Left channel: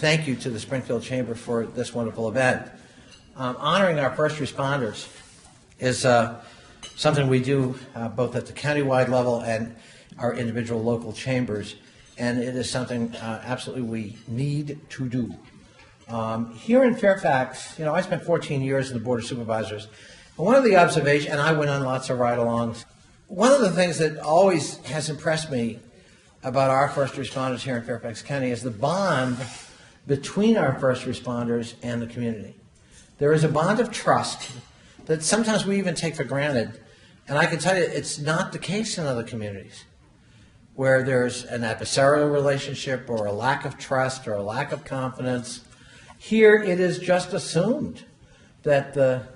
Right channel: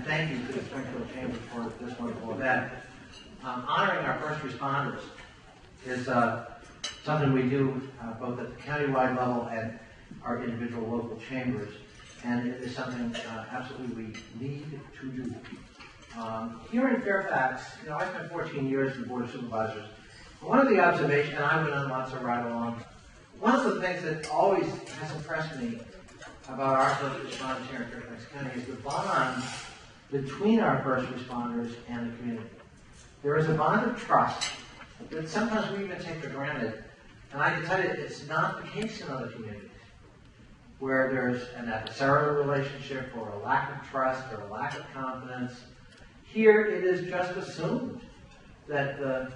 Thank you to the Springfield Chamber for this wonderful event. Honoring our first responders is something we do both at the countywide level and our individual local chambers, and it is something absolutely we need to do. Here in Fairfax, I spent 14 years in the Board of Supervisors, and one of the observations, and I went on lots of ride-alongs, one of the things that always has impressed me about our first responders here in Fairfax County is the bond between our first responders and the community. There is a bond of trust that sometimes we even take for granted, and I can tell you it's not the case in other communities where there's an adversarial relationship or a lack of trust or a lack of confidence. Here it is just assumed that the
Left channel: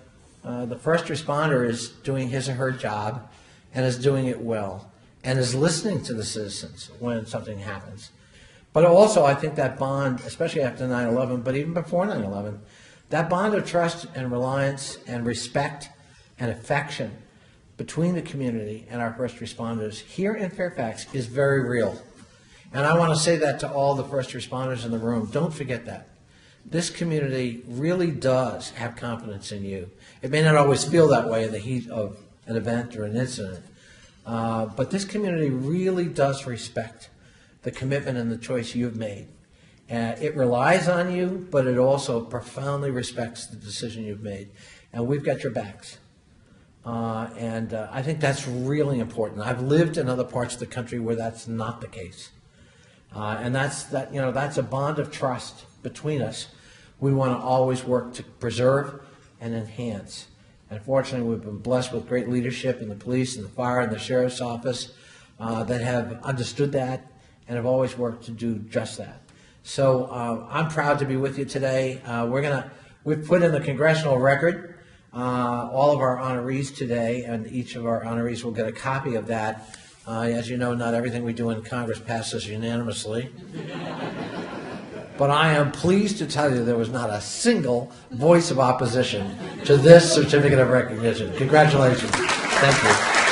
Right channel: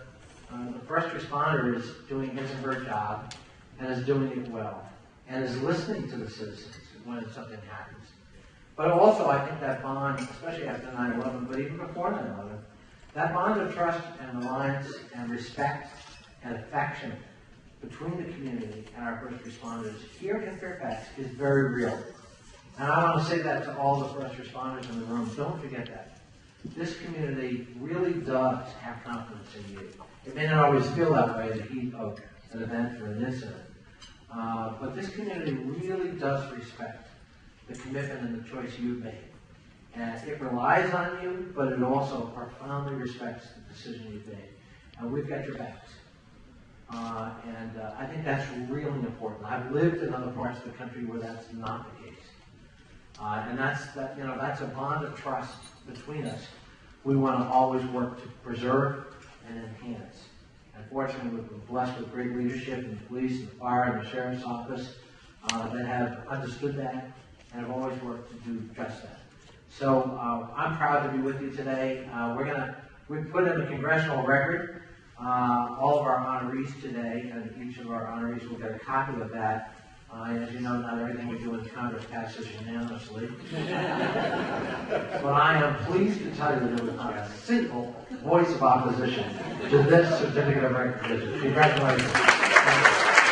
first responder is doing his or her job and is doing it well and is listening to the citizens when something happens. But also, I think that bond, especially after 9/11, but even before 9/11, that bond of trust and reliance and respect and affection between the community and our first responders here in Fairfax is very real. And I want to say that to all the first responders in the room. Don't forget that. This community really does have confidence in you. It may not always feel that way in the heat of an event or an incident, but this community really does respect the commitment and the choice you've made. It relies on you, but it also profoundly respects the decision you've made. And we've got your backs. I think that's really important. I've lived in other parts of the country where that's not the case. And that's a bond of trust between us. We want to always work to preserve and enhance. And fortunately, we've been blessed with great leadership in the police and the fire and the sheriff's office that have understood that and have always worked to do just that. So I'm proud to be with you today. We've put in the congressional record all of our honorees today, and each of our honorees will get a copy of that. As you know, not everything we do in Congress passes unanimously. But I am pleased to tell you there was not a single voice of opposition to this certificate of recognition. Congratulations. Thank you.